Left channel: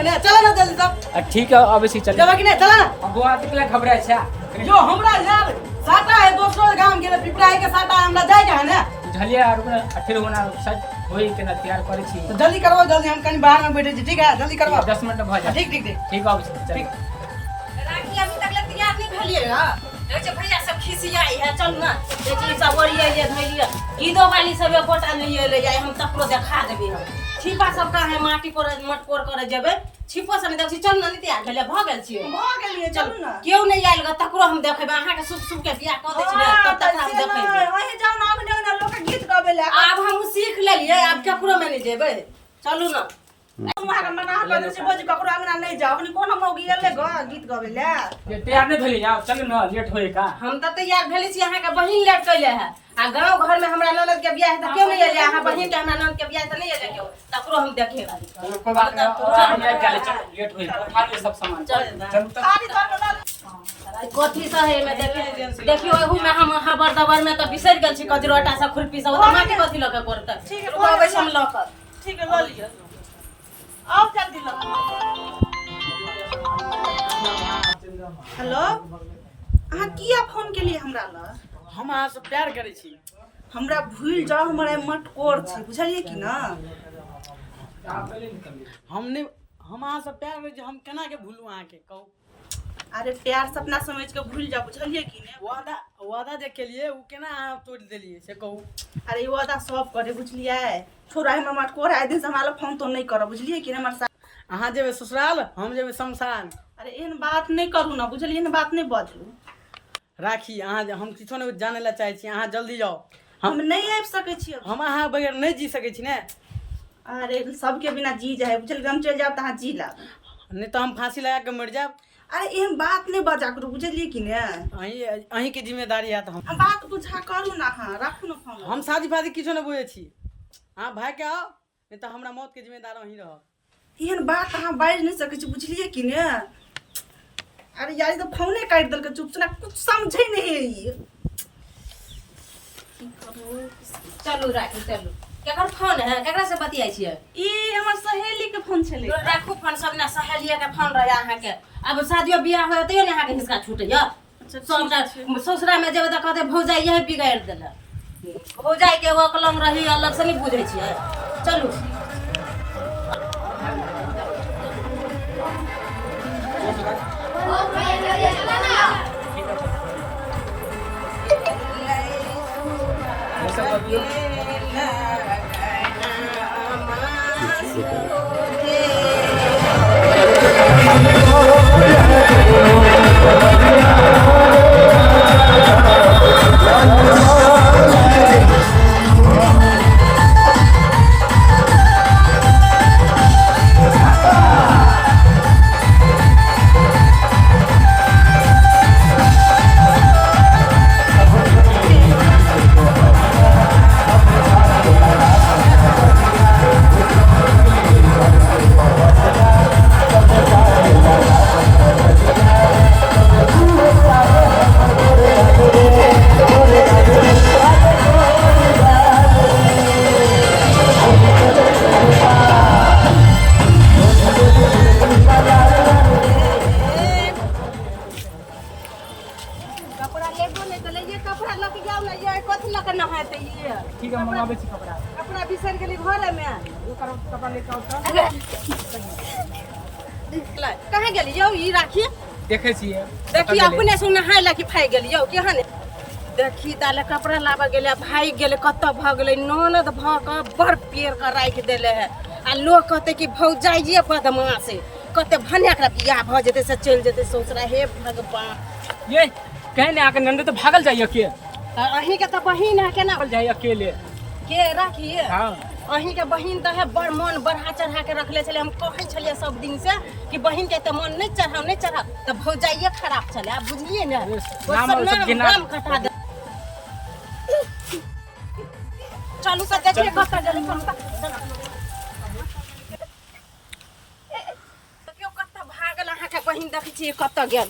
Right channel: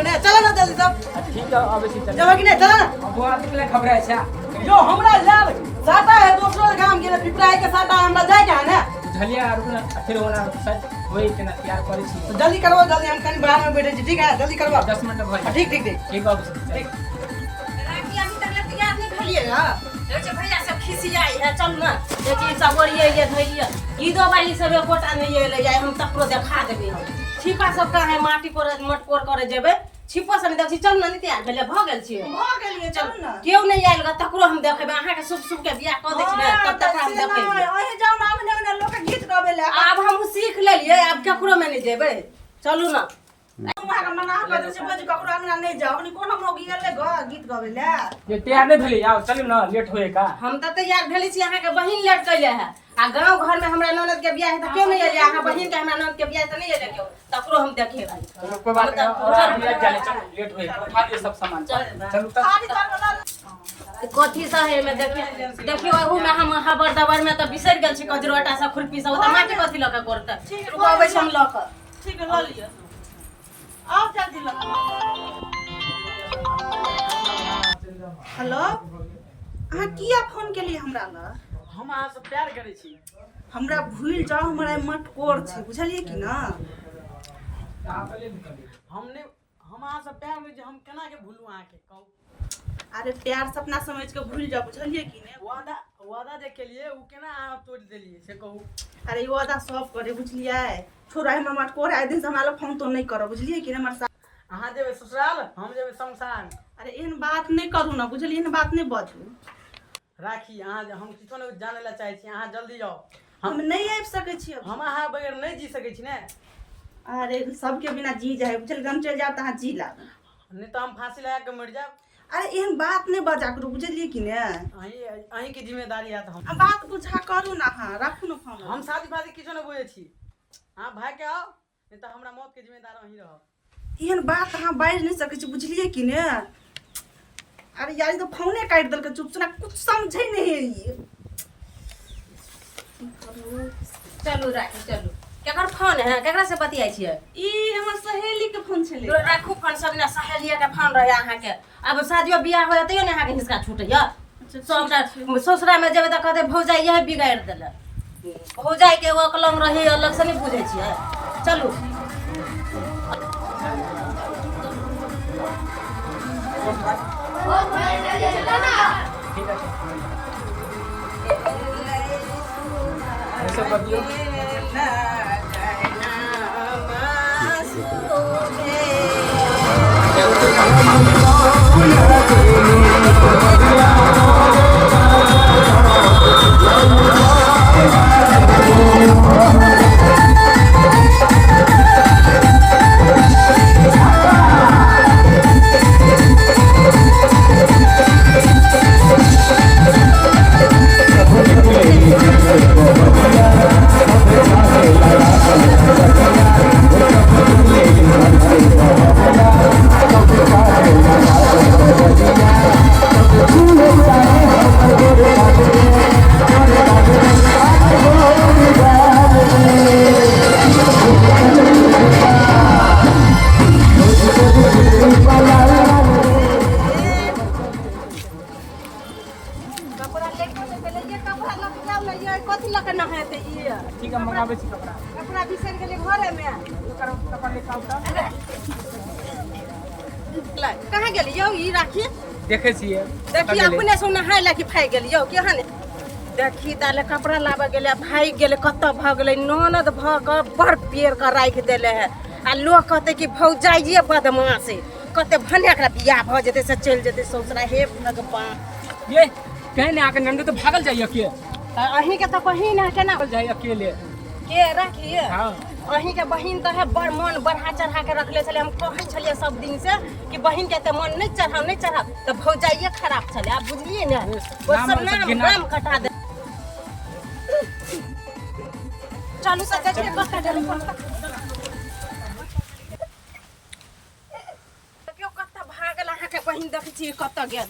में ने चला ना जल्दी सब ठीक है अवश्य चल जब कि नहीं चला ना बुआ कितने खबरै छै जो हमरा यार साटा है दोसरो गांव गेले पिपराई के साटा हमरा जाय के है ना बुझलिए आर फिर होना सच होई के ना तैयार करै छी तो जल्दी करवाओ जल्दी हम कहीं बाहर में बैठे छी ठीक है जल्दी करवाओ 10 मिनट भ जाए ठीक ठीक ठीक ठीक अवश्य ठीक राखी अभी तक ले तैयार नहीं भलिए हां जे भैया सब खिसियाई है चल ना देखी सब ओरिए ये धइलिए गीदो वाली सब एकोटा नहीं ले जाए हम तकरो देखा देबे हम छिपा सब का है माटी कोर मटकोर करे जेबे छिपा सब देखी चल ना नहीं तैयार भेले भ गेल छी भ गेलिए चलू ना केउ नहीं आइल ग तकरो हम देखबे अहाँ के शुभ शुभ के बियाह क दै छी ना तब तक हम देखबे ओहे जाओ ना आंगन ना लोग के गीत गावे ले अब हम सीख लेलिए अब ककरो में नहीं जेबे चलू ना वहां का मना कर से बोझ ककरो आंगन नहीं जाओ अपनी कोन मौगी एले ग गीत गावे ले ये तैयार नहीं भेली जाओ चल ना लेट होए का हम त तैयार भेले छी अहाँ के बहिन लेट कइले है आ गांव घर में हमरा ननद के बियाह है त क्यों नहीं एले अहाँ बहिन के हमरा ननद के बियाह त नहीं एले क्यों तकरो हम देखे भाई चलो कोई बात नहीं और लेट चल लेट होए उठा के सब सामान चलो तक कथी सा है में देखियो एहू में हम हबर दबर में त बिसर गेल छी कजरोटा सा खुरपी सब त माटी कथी ल के करत ठीक है रुकबै हम ल कर ठीक है ल लियो आओ जल्दी लो हेलो अहाँ किया फोन के लिए हमरा ल हम अहाँ से प्यार करै छी हमरा भूल जाओ हमरा मटकोर छै बुझलिए कि ना हमने हम अहाँ से प्यार करै छी हम केना के भूलू अहाँ के कहू अरे प्यार सपना समझ के भूल जाओ बुझलिए कि ने वादा वादा जे केलिए उ केना अहाँ तोड़ देलिए से कहू अरे ये वादा सब करे बुझलिए छोरा हमर मटकोर आए दिन से हमरा ल फोन तो नहीं करो बुझलिए कि ने हमर साथ अहाँ जेबे ससुराल हम जेबे शमशान अरे एहन बात नहीं करू ना बुझलिए एहन बात नहीं बाजू राखी अहाँ हम किछो नहीं जाने ला चाहै छी अहाँ जल्दी जाओ हम नहीं आबि सकै छी अब हम अहाँ बगैर नहीं जी सकै छी ने अरे सबके बिना जी जाए बुझल हम चल जाब त अहाँ जी लाब नहीं तो हम फांसी लगा के मर जाब अरे एहन बात नहीं बजा करू बुझलिए कि ने अहीं के जिम्मेदारी है तो हम बात बुझा करू ना हाँ राखू ना फोन हम शादी फादी किछो नहीं बुझे छी हाँ भाई के आओ नहीं तो हमरा मौत के जिम्मेदार अहीं रह एहन बात अहाँ बाजि नहीं सकै छी बुझलिए कि ने अरे यार तो फोने काट दल के चुपचाप कुछ समझे नहीं है ये चलू राखी चलू केकर फोन है केकरा से बतियाई छियै ई हमर सहेली के फोन छले तो राखू फोन सब ना सहेलिया के फोन रहे अहाँ के अब शादियो बियाह होय तइयो ने अहाँ के हिस्सा छूटैया सबटा ससुरा में जेबे त कहते भौजाई यही बिगाड़ देले भौजाई के वो कलम रही अलग से नहीं बुझै छियै चलू ठीक है ये सब बतियो कपड़ा लेबो नहीं तो ये कपड़ा लग जाओ ना ये कथि लग न है ते ये ठीक है मंगाबे छी कपड़ा कपड़ा बिसर गेली घरे में एकर कपड़ा निकाल त कहाँ गेली यौ ई राखी देखे छिए देखी अपने से नहाय लगी फाइ गेली यौ केहन देखी ताले कपड़ा लाबा गेले भाई गेले कत भ गेले ननद भ के बड़ पेड़ के राख देले है आ लोग कहते कि भौजाइए बदमाश है कहते भने एकरा बियाह भ जेते से चल जेते ससुरा हे भगवान ये कहने आके नंद तो भागल जाइए के अहीं के त बहिन है केना भागल जाइए अकेले के राखिए हां अहीं के बहिन त है बड़ मन बढ़ा चढ़ा के रखले छले हम कहै छलिए सब दिन से कि बहिन के त मन नहीं चढ़ाव त भौजाइए खराब छले आप बुझलिए ने वो सब नाम कटा दे चालू से देखिए कत जले देखियो कत भागल अहाँ के बहिन देखै छी कत गेल